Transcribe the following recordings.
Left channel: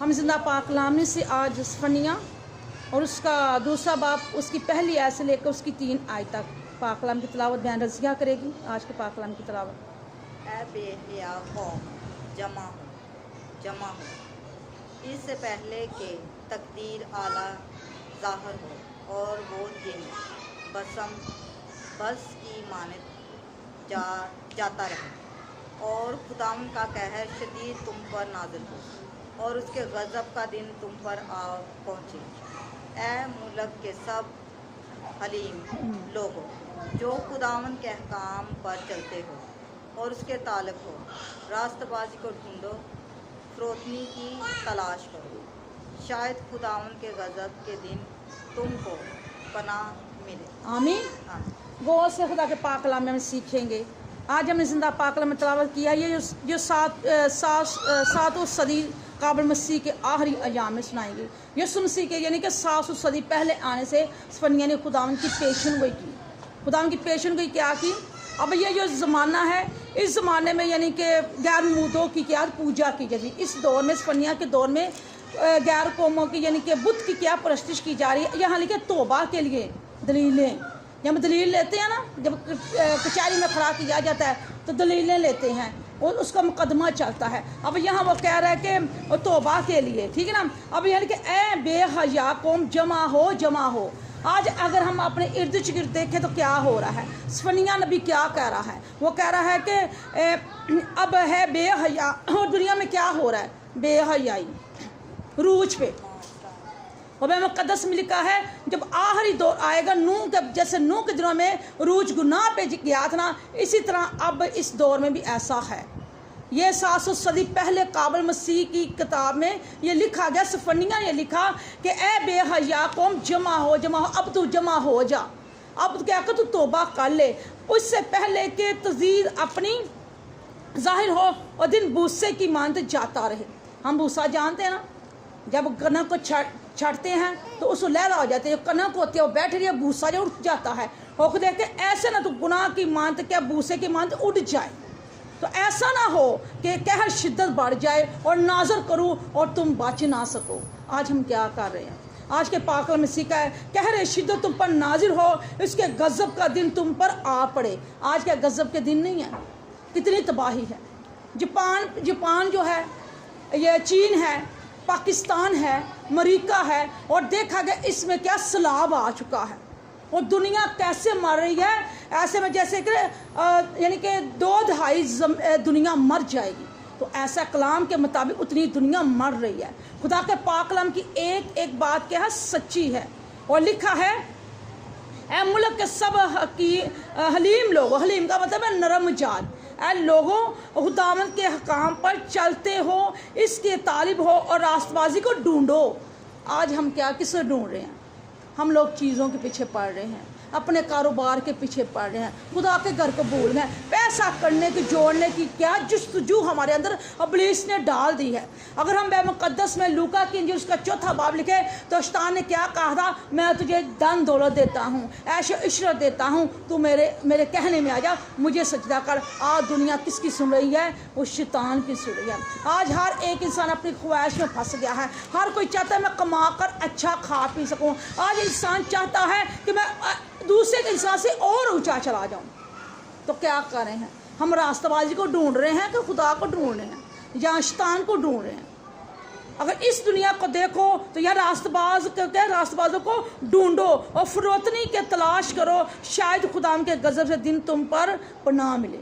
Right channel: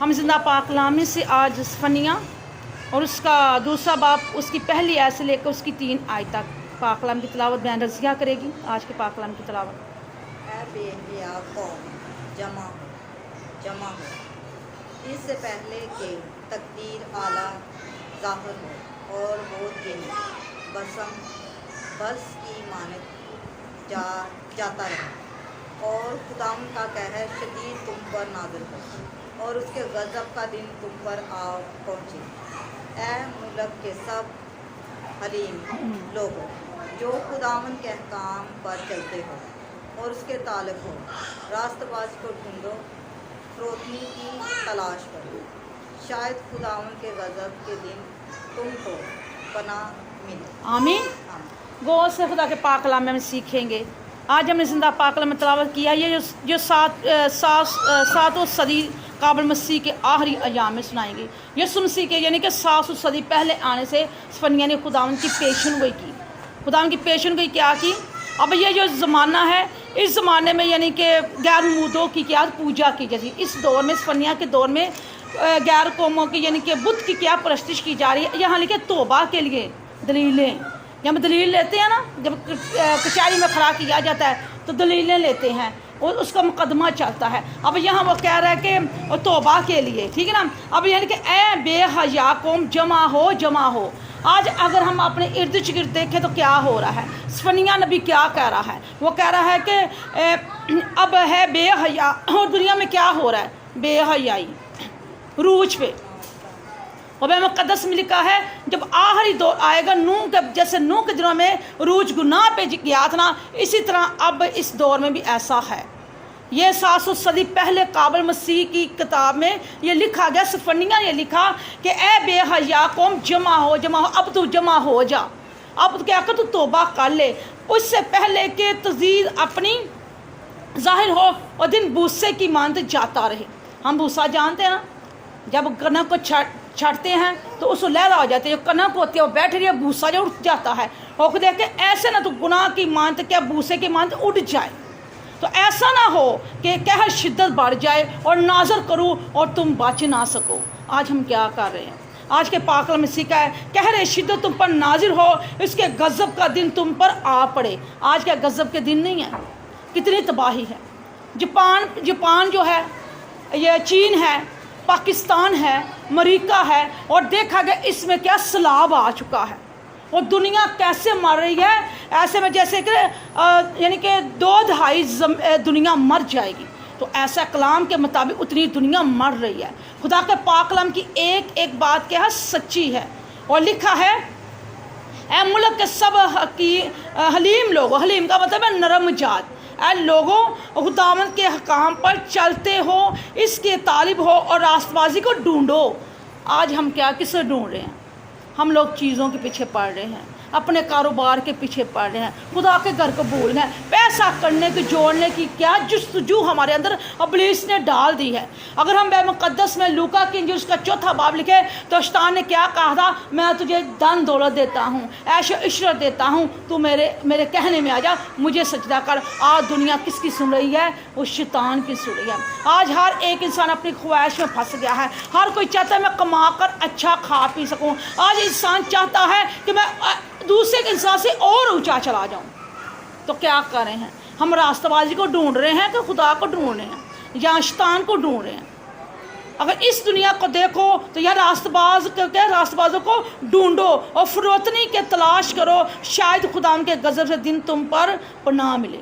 हम जिंदा पाक कलाम में से आज सफनिया और उसका दूसरा बाप उसकी पहली आयत से लेकर उसकी 3 आयत तक पाक कलाम की तिलावत बयान रज़िया करेगी। आज के पाक कलाम की तिलावत। ऐ बेहया कौम जमा हो इससे पहले कि तकदीर आला ज़ाहिर हो और हो दिन बस की मानत जाता रहे और खुदाम का कहर शदीद तुम पर नाज़िल हो और उसके गज़ब का दिन तुम पर आ पहुँचे। ऐ मुल्क के सब हलीम लोगों जो खुदावन के अहकाम पर चलते हो और उसके तालब हो, रास्तबाज़ी को ढूंढो, फरोतनी की तलाश करो, शायद खुदावन के गज़ब के दिन तुमको पनाह मिले। आमीन। गौर से खुदा के पाक कलाम में हम सीखेंगे। आज हमने जिंदा पाक कलाम में तिलावत किया। ये जो सातों सदी काबिल मसीह के आखिरी अयाम में सुनाएंगे। यसु मसीह के यानी कि 700 सदी पहले आने से सफनिया ने खुदावन की पेशन गोई की। खुदावन की पेशन गोई क्या की? अब ये जो ज़माना है, इस ज़माने में यानी कि गैर मूदों की क्या पूजा की जाती है। इस दौर में, सफनिया के दौर में गैर कौमों की यानी कि बुत की क्या परस्तिश की जा रही है। यहाँ लिखे तौबा के लिए दलीलें। जब दलील लेते हैं ना, जब कचहरी में खड़ा किया जाता है तो दलीलें लेते हैं और उसका मुकदमा चलता है। अब यहाँ वो कह रहा है कि तौबा के लिए, ठीक है ना। अब यानी कि ऐ बेहया कौम जमा हो। आज अगर हम अपने इर्द गिर्द देखें तो क्या हो रहा है? सफनिया नबी क्या कह रहा है? वो कह रहा है कि अब है बेहया। और दुनिया में क्या हो रहा है? बेहयाई रूज पे। और मुक़द्दस में लिखा है जब आखिरी दौर आएगा, नूह के जैसे नूह के दिनों में रूज गुनाह पे गया था ना, इसी तरह अब इस दौर में भी ऐसा है। ये 700 सदी पहले काबिल मसीह की किताब में ये लिखा गया। सफनिया ने लिखा कि ए बेहया कौम जमा हो। अब तू जमा हो जा, अब क्या कर, तू तौबा कर ले, उससे पहले कि तज़ीद अपनी ज़ाहिर हो और दिन भूसे की मानते जाता रहे। हम भूसा जानते हैं ना, जब कनक को छाटते हैं तो उसको लहरा हो जाती है। जो कनक होती है वो बैठ रही है, भूसा जो उठ जाता है। और देख के ऐसे ना तो गुनाह की मानते क्या भूसे की मानते उड़ जाए। तो ऐसा ना हो कि कहर शिद्दत बढ़ जाए और नाज़र करूँ और तुम बच ना सको। आज हम क्या कर रहे हैं? आज के पाक कलाम में सीखा है कहर शिद्दत तुम पर नाजिर हो, इसके गज़ब का दिन तुम पर आ पड़े। आज क्या गज़ब के दिन नहीं है? कितनी तबाही है। जापान जो है, ये चीन है, पाकिस्तान है, अमेरिका है, और देखा गया इसमें क्या सैलाब आ चुका है। और दुनिया कैसे मर रही है? ऐसे में जैसे कि यानी कि 2/2 दुनिया मर जाएगी। तो ऐसा कलाम के मुताबिक उतनी दुनिया मर रही है। खुदा के पाक कलाम की एक एक बात क्या है? सच्ची है। और लिखा है ऐ मुल्क के सब हलीम लोगों, हलीम का मतलब है नरम मिजाज, ऐ लोगों खुदावंद के हकाम पर चलते हो, इसके तालिब हो और रास्तबाजी को ढूंढो। आज हम क्या किसे ढूंढ रहे हैं? हम लोग चीज़ों के पीछे पड़ रहे हैं, अपने कारोबार के पीछे पड़ रहे हैं, खुदा के घर को भूल रहे हैं। पैसा करने की, जोड़ने की क्या जुस्तजू हमारे अंदर इब्लीस ने डाल दी है। अगर हम मुक़द्दस में लूका की इंजील उसका 4था बाब लिखे तो शैतान ने क्या कहा था? मैं तुझे धन दौलत देता हूँ, ऐशो इशरत देता हूँ, तू मेरे कहने में आ जा, मुझे सजदा कर। आज दुनिया किसकी सुन रही है? वो शैतान की सुन रही है। आज हर एक इंसान अपनी ख्वाहिश में फंस गया है। हर कोई चाहता है मैं कमा कर अच्छा खा पी सकूँ। आज इंसान चाहता है कि मैं दूसरे के इंसान से और ऊंचा चला जाऊं। तो क्या कर रहे हैं? हम रास्तबाजी को ढूंढ रहे हैं कि खुदा को ढूंढ रहे हैं या शैतान को ढूंढ रहे हैं? अगर इस दुनिया को देखो तो यार रास्तबाजों को ढूंढो और फरोतनी के तलाश करो, शायद खुदा के गज़ब से दिन तुम पर पनाह मिले।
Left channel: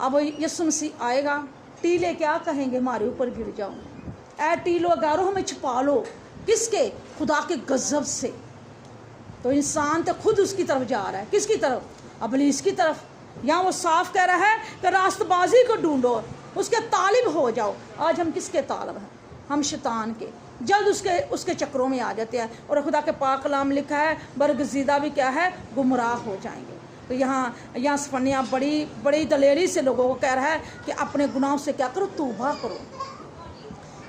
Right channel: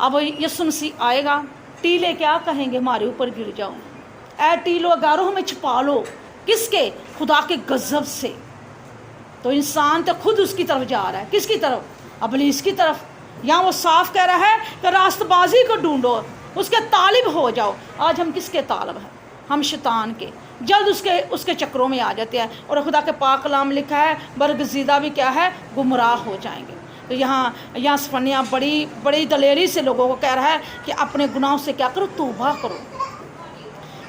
अब यीशु मसीह आएगा, टीले क्या कहेंगे? हमारे ऊपर गिर जाओ, ऐ टीलो गारो हमें छुपा लो। किसके? खुदा के गज़ब से। तो इंसान तो खुद उसकी तरफ जा रहा है। किसकी तरफ? इब्लीस की तरफ। यहाँ वो साफ कह रहा है कि रास्तबाजी को ढूंढो, उसके तालिब हो जाओ। आज हम किसके तालिब हैं? हम शैतान के। जल्द उसके चक्रों में आ जाते हैं। और खुदा के पाक कलाम लिखा है बरगज़ीदा भी क्या है? गुमराह हो जाएंगे। तो यहाँ सफनिया बड़ी दलेरी से लोगों को कह रहा है कि अपने गुनाहों से क्या करो? तौबा करो।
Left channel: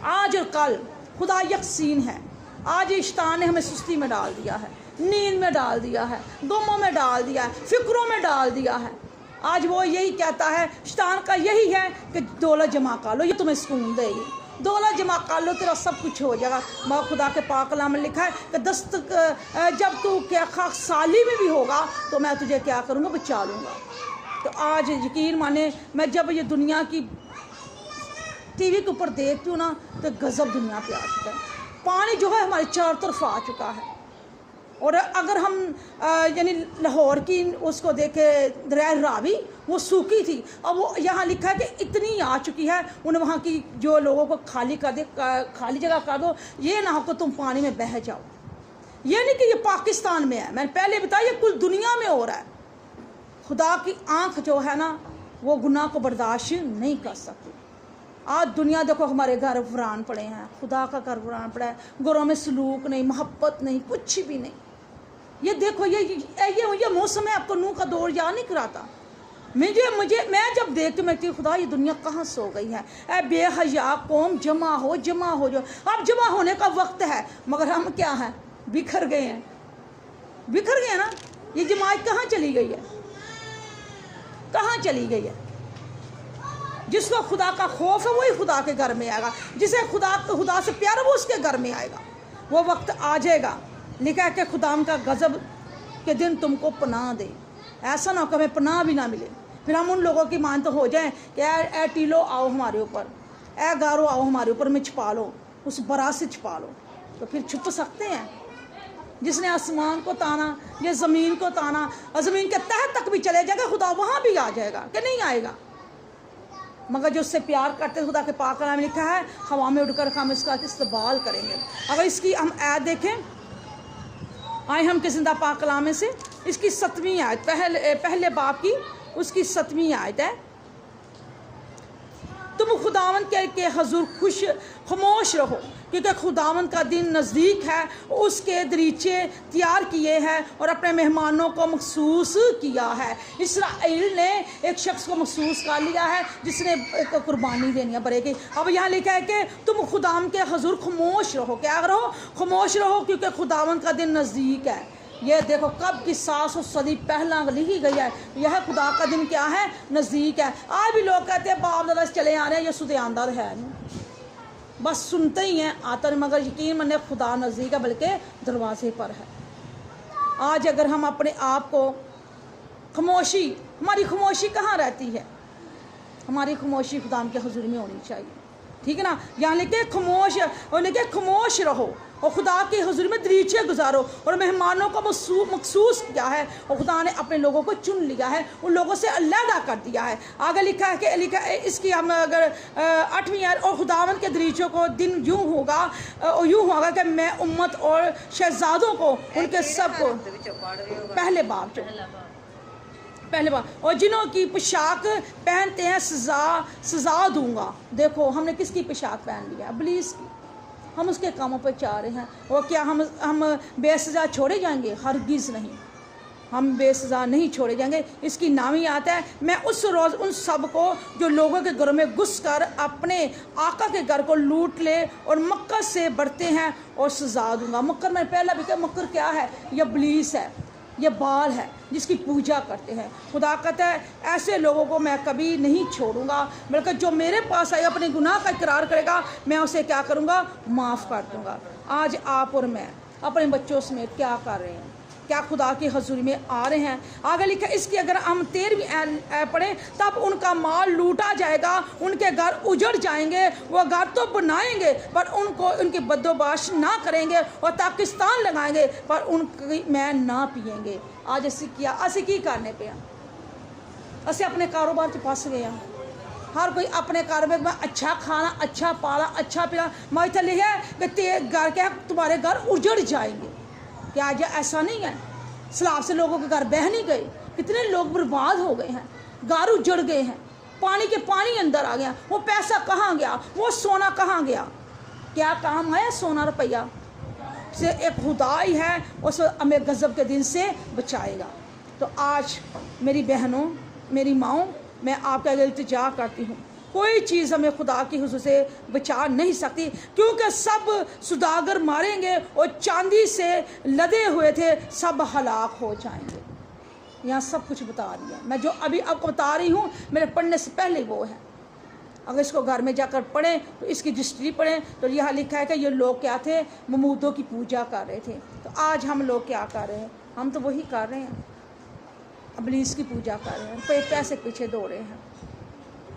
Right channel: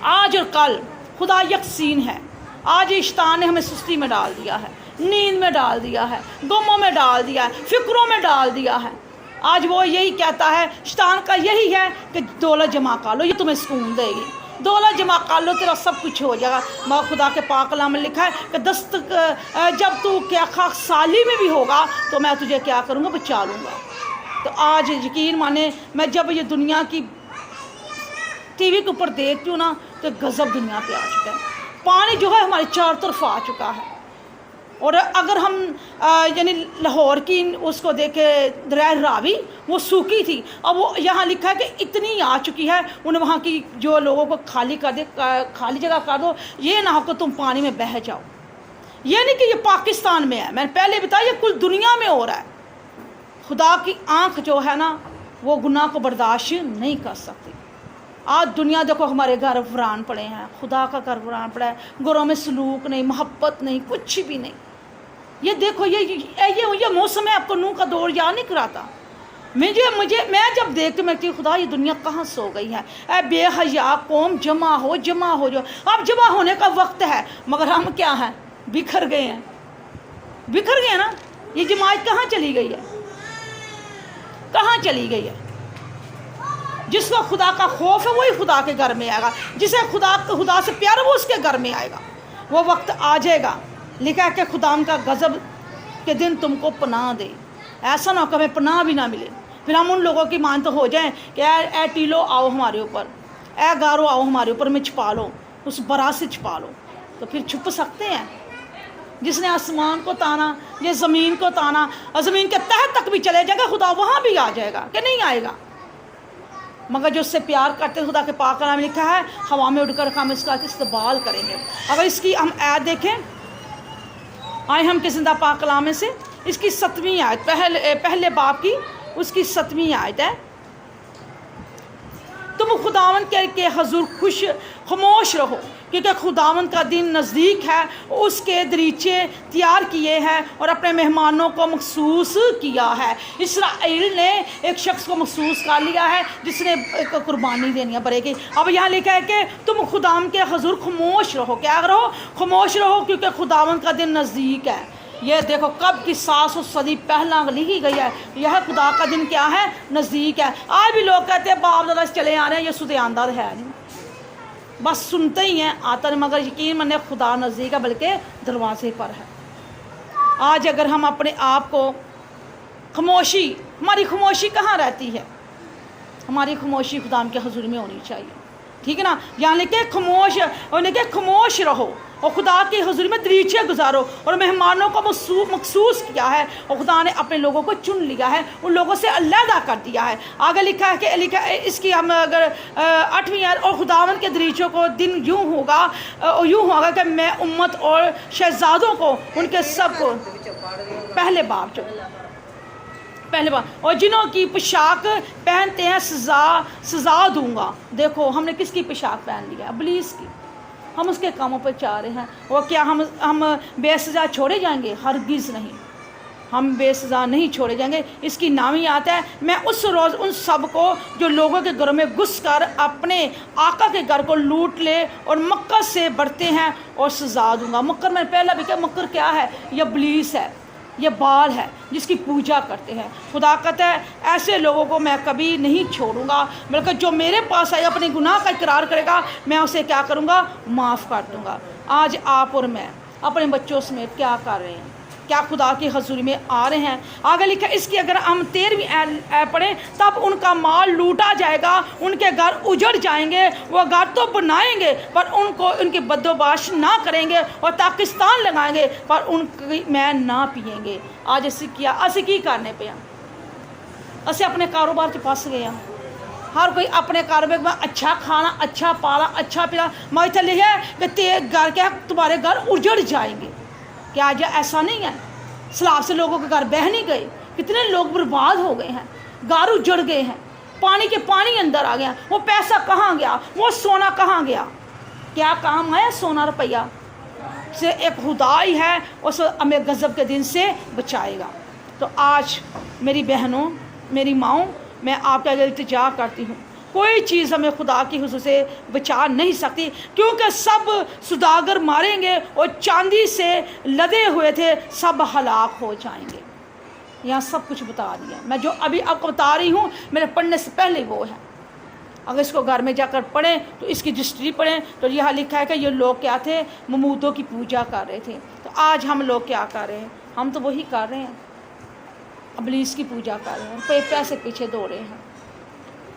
आज और कल खुदा यकसीन है। आज शैतान ने हमें सुस्ती में डाल दिया है, नींद में डाल दिया है, गमों में डाल दिया है, फिक्रों में डाल दिया है। आज वो यही कहता है, शैतान का यही है कि दौलत जमा कर लो, ये तुम्हें सुकून देगी। दौलत जमा कर लो, तेरा सब कुछ हो जाएगा। मगर खुदा के पाक कलाम में लिखा है कि जब तू क्या खाकसाली में भी होगा तो मैं तुझे क्या करूँगा, बचा लूँगा। तो आज यकीन माने, मैं जब ये दुनिया की टीवी के ऊपर देखती हूँ ना, तो गज़ब दुनिया पे आ चुका है। पानी जो है हमारे चारों तरफ आ चुका है। और अगर हम यानी लाहौर की उसको देखे, दरिया रावी वो सूखी थी, अब वो यहाँ लिखा है कि इतनी आ चुकी है, उन्हें वहाँ की जो लोगों को खाली कर दे, खाली जगह कर दो, ये ना हो कि तुम पानी में बह जाओ। ये नहीं कि ये पाकिस्तान में है, मैंने पहले बताया, ये कुल दुनिया में हो रहा है। खुदा की आँख जो है ना, वो गुनाह को बर्दाश्त नहीं कर सकती। आज दुनिया देखो, हमारे घर वीरान पड़े हैं, खुदा का घर वीरान पड़ा है, घरों में सलूक नहीं, मोहब्बत नहीं, कुछ भी नहीं। ये देखो, ये मौसम है, आपको नूह का दौर याद नहीं कराता। मैं जब देखती मैं कि खुदा ये दुनिया कहाँ सो गई है। ए बेहया कौम, जमा हो जो। अब जमा होने का वक्त है, मगर हम क्या हैं, बिखर गए हैं, बिखर गए ना। ये जमात कहाँ चली गई है, कहाँ चली गई है। जिसको खुदा का खौफ है वही खुदा के घर में आएगा, जिसे खुदा से प्यार है वो उसके घर में आएगा। वो वक्त आ जाएगा, लिखा है कि खुदा का गज़ब के दिन तुमको पनाह दे। ऐसा ना हो कि हमें पनाह भी ना मिले, फिर हम उन लोगों की मान तो हो जाएं कि ए टीलो आओ हमारे ऊपर, ए गारो आओ हमारे ऊपर में छुपा लो, उस बरा से छुपा लो। तो फिर छुप सकते हैं। जिसने आसमान को ताना, ये ज़मीन को ताना, और ज़मीन के तह तक भी चले जाएगा, खुदा वहाँ भी आ जाएगा कि नहीं आएगा। मगर जो उससे प्यार करते हैं, खुदा के पाक कलाम में लिखा है, हवा में उड़कर हम इसका इस्तेमाल करेंगे। अगर इसकी हम आयत देखें, आए हम के ज़िंदा पाक कलाम में से, इसकी 7वीं आयत, पहले बाब की उसकी 7वीं आयत है, तुम खुदावन के हजूर खामोश रहो, क्योंकि खुदावन का दिन नज़दीक है। उसके दरीचे तैयार किए हैं और अपने मेहमानों को मखसूस किया है। इसराइल ने एक शख्स को मखसूस कर लिया है जिसने एक कुर्बानी देनी है बरे की। अब यहाँ लिखा है कि तुम खुदावन के हजूर खामोश रहो। क्या रहो? खामोश रहो, क्योंकि खुदावन का दिन नज़दीक है। ये देखो कब की 700 सदी पहला लिखी गई है। यह खुदा का दिन क्या है? नज़दीक है। आज भी लोग कहते हैं बाप दादा से चले आ रहे हैं, ये सुदयांदा है नहीं, बस सुनते ही हैं, आता नहीं, मगर यकीन माने खुदा नज़दीक है, बल्कि दरवाजे पर है। आज अगर हम अपने आप को खामोशी, हमारी खामोशी कहाँ रहती है? हमारी खामोशी खुदा के हुजूर में होनी चाहिए, ठीक है ना। यहाँ लिखे खामोश, और लिखे खामोश रहो और खुदा के हुजूर में दरीचे गुजारो और मेहमानों को मखसूस किया है, और खुदा ने अपने लोगों को चुन लिया है, उन लोगों से अलहदा कर दिया है। आगे लिखा है कि इसकी हम अगर 8वीं आयत, और खुदावन के दरीचों को दिन यूँ होगा कि मैं उम्मत और शहजादों को उनके सब को पहले बार और जिन्हों की पोशाक पहनते हैं सजा दूंगा। देखो हमने किसकी पोशाक पहन लिया? इब्लीस की। हम उसके कामों पर चाह रहे हैं, और क्या हम बेसजा छोड़े जाएंगे? हरगिज़ नहीं, हम बेसजा नहीं छोड़े जाएंगे। इसकी नामी आता है, मैं उस रोज़ उन सब को जो लोगों के घरों में घुस कर अपने आका के घर को लूट ले और मक्कर से बढ़ते हैं और सजा दूंगा। मक्कर मैंने पहला भी कहा, मक्कर क्या है? ये इब्लीस है, ये बाल है जिसकी पूजा करते हैं। खुदा कहता है ऐसे लोगों को मैं कभी नहीं छोड़ूंगा, बल्कि जो मेरे पास आए अपने गुनाह का इकरार करेगा, मैं उसे क्या करूंगा? माफ़ कर दूंगा। आज आप और मैं अपने बच्चों समेत क्या कर रहे हैं? क्या खुदा की हजूरी में आ रहे हैं? आगे लिखा इसकी अगर हम 13वीं पढ़ें, तब उनका माल लूटा जाएगा, उनके घर उजड़ जाएंगे, वो घर तो बनाएंगे पर उनको उनकी बदोबाश ना करेंगे, और पाकिस्तान लगाएंगे पर उनकी मैं ना पिएंगे। आज असी की करने पे हैं? असी अपने कारोबार के पास गए हैं। हर कोई अपने कारोबार में अच्छा खाना, अच्छा पाला, अच्छा पीना, मैं इतना लिखा है कि घर के तुम्हारे घर उजड़ जाएंगे। क्या आज ऐसा नहीं है? सैलाब से लोगों के घर बह नहीं गए, कितने लोग बर्बाद हो गए हैं, घर उजड़ गए हैं, पानी अंदर आ गया। वो पैसा कहाँ गया? वो सोना कहाँ गया? क्या काम आया सोना रुपया से? एक खुदाई है, उस हमें गज़ब के दिन से बचाएगा। तो आज मेरी बहनों, मेरी माओं, मैं आपके आगे इल्तिजा करती हूँ, कोई चीज़ हमें खुदा की हुजूर से बचा नहीं सकती, क्योंकि सब सुदागर मारेंगे और चांदी से लदे हुए थे सब हलाक हो जाएंगे। यहाँ सब कुछ बता दिया। मैं जो अभी आपको बता रही हूँ मेरे पढ़ने से पहले वो है। अगर इसको घर में जाकर पढ़ें तो इसकी हिस्ट्री पढ़ें तो यहाँ लिखा है कि ये लोग क्या थे, ममूदों की पूजा कर रहे थे। तो आज हम लोग क्या कर रहे हैं? हम तो वही कर रहे हैं, इब्लीस की पूजा कर रहे हैं, पैसे पीछे दौड़े हैं।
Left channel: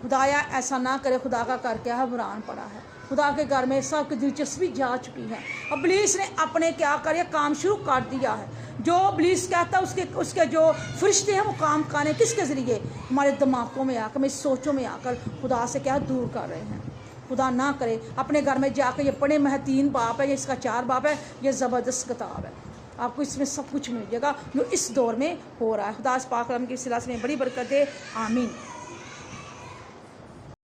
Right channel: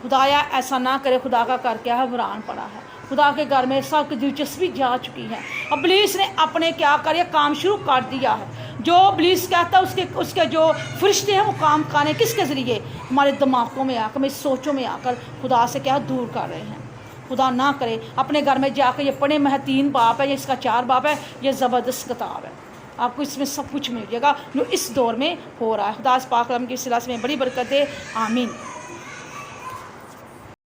खुदाया ऐसा ना करे, खुदा का घर क्या है, वीरान पड़ा है। खुदा के घर में सब की दिलचस्पी जा चुकी है। इब्लीस ने अपने क्या कर काम शुरू कर दिया है। जो इब्लीस कहता है उसके जो फरिश्ते हैं वो काम करने किसके ज़रिए? हमारे दिमागों में आकर, हमारी सोचों में आकर खुदा से क्या दूर कर रहे हैं। खुदा ना करे अपने घर में जाकर ये पढ़े, मैं 3 बाप है, ये इसका 4 बाप है, ये ज़बरदस्त किताब है, आपको इसमें सब कुछ मिल जाएगा जो इस दौर में हो रहा है। खुदा इस पाक कलाम की सिलसिले में बड़ी बरकत दे, आमीन।